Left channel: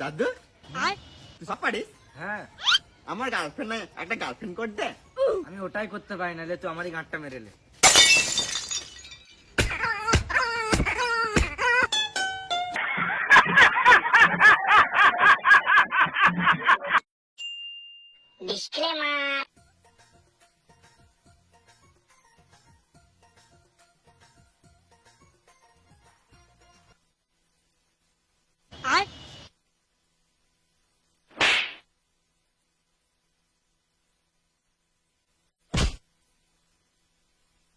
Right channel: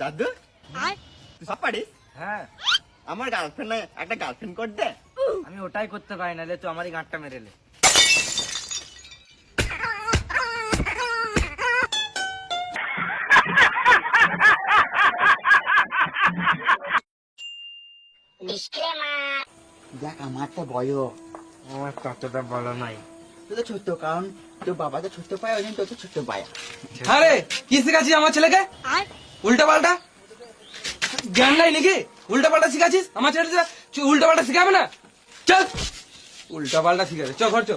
দাদু তুই সব পারিস? হ্যাঁ, আমার গার্লফ্রেন্ড একটা গার্লফ্রেন্ড কর দে। আমি ওটাই করতে পারি না, তুই আমারই গাঁটটা মেরেলে। দেখ আমার তো বয়স, আমার ততটা বলো নাই। তুই তো ছোট্ট, কারণ তোর বাবা তো ছোট্ট পায়, ওই জন্য তোর তো ছোট্ট পায়। আরে কি শিখাচ্ছিস আমার ছেলেকে? উল্টা পাল্টা জ্ঞান নাই নাকি? উল্টা পাল্টা শিখাচ্ছিস আমার ছেলেকে? উল্টা পাল্টা শিখাবে না, চল। উল্টা পাল্টা শিখাবে, চ ঘর চ।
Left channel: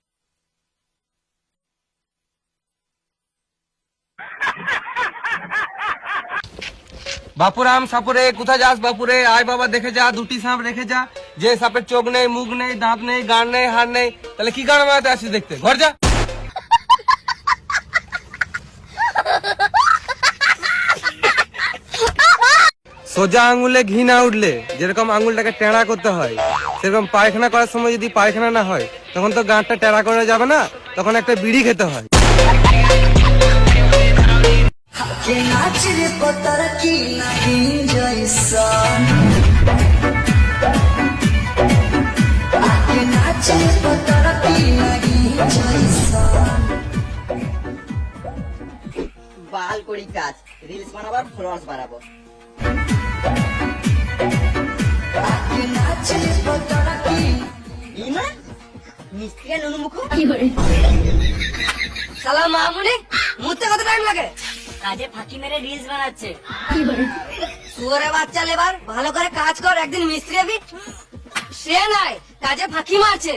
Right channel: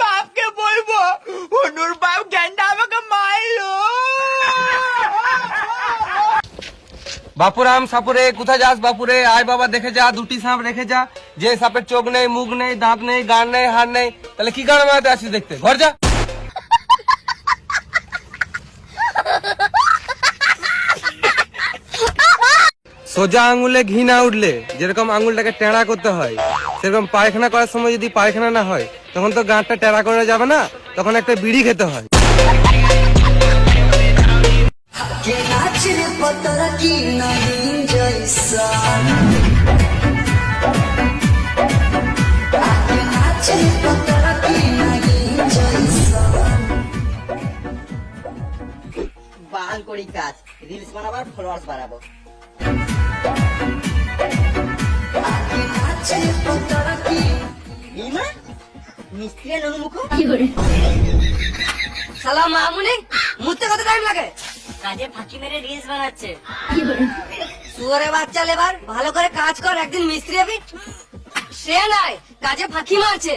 বাপকে বলবো অনুর বাপ জ্ঞানটা আমাকে মারলো। বাপুরাম সাপুরে কোথায় যাস? বাপুরে আয় বাবা, দেখে যা, দুটি সাপ রেখে যা। যে সাপের চোখ নেই, মুখ নেই, দাঁত নেই, গান নেই, হাড় নেই, তাহলে কি গান মারাতে আসিস দেখতে? ঘর যা। সোজা আঙুলে ঘি না উঠলে যেরকম আঙুলটাকে টেঁড়া করতে হয়, সেরকম পায়খানা করার সময় যদি পায়খানা না হয়, তখন তো গাঁটটা টেঁড়া করে যাবে না, তখন একটা বিড়ি খেতে হয়। বাল করি কাজ, রিলস বানাবার, ফলোয়ার্স বানাবো। মিস্ত্রি অনুমুখ শালা মামুনি মুতে কত টাইম লাগে? কাজে ফাঁকি মেরে রিলস বানাচ্ছে। সুগারে বাচ্চা লেবার ভালো করে কাজ কর, একদিন মিস্ত্রি হবি। সে নয়, কাজে ফাঁকি মারছে।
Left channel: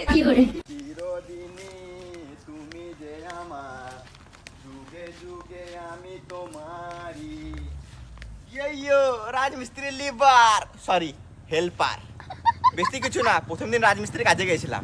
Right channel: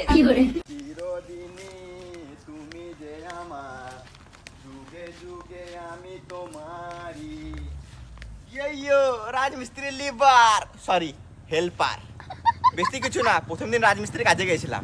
চিরদিনই তুমি যে আমার, যুগে যুগে আমি তোমারই। ইয়ো রাজমিস্ত্রি লিবার, সরি হেল্পার। বেশি কিছু না, প্রথম দিন রাজমিস্ত্রি কাজে গেছিলাম।